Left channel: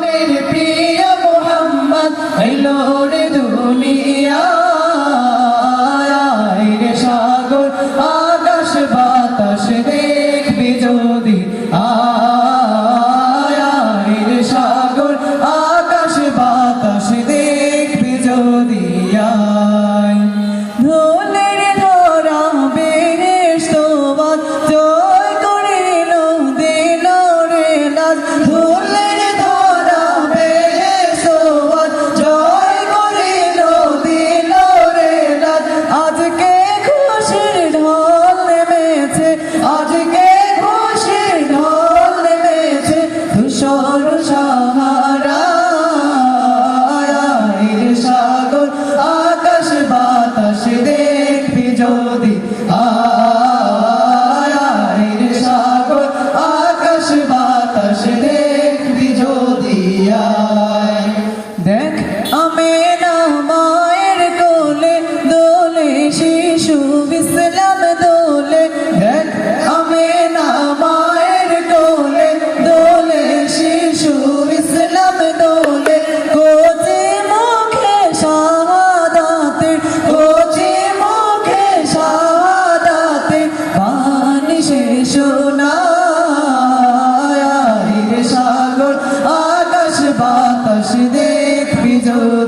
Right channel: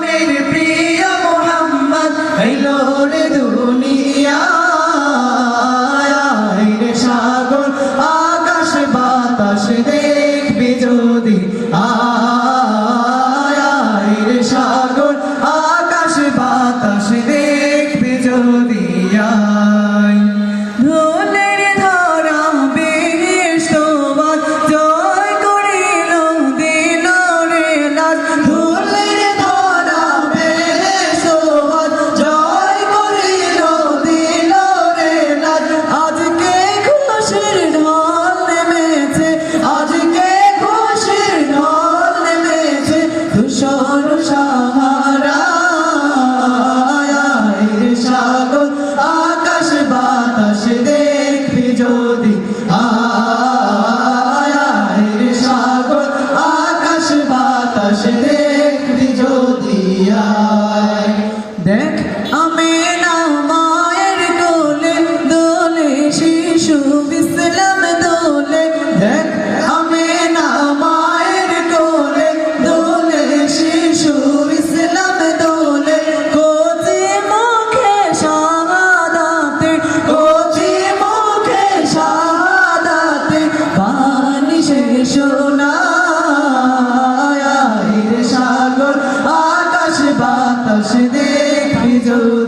প্রিয় মোহাম্মদ আইলো রে দুনিয়ায় রে সাগর আকাশ বাতাস দেখবি যদি আয় রে সাগর আকাশ বাতাস দেখবি যদি আয় ধনের ধরা বেহেশত জয় করিল দিল রে লাজ ধনের ধরা বেহেশত জয় করিল দিল রে লাজ আজকে খুশির ঢল নেমেছে আজকে খুশির ঢল নেমেছে ধূসর সাহারা রে সাগর আকাশ বাতাস দেখবি যদি আয় রে সাগর আকাশ বাতাস দেখবি যদি আয় দেখ আমেনা মায়ের কোলে দোলে শিশু ইসলাম দোলে দেখ আমেনা মায়ের কোলে দোলে শিশু ইসলাম দোলে কোচি মুখে শাহাদাতে কোচি মুখে শাহাদাতে বাণী শেষ শোনায় রে সাগর আকাশ বাতাস দেখবি যদি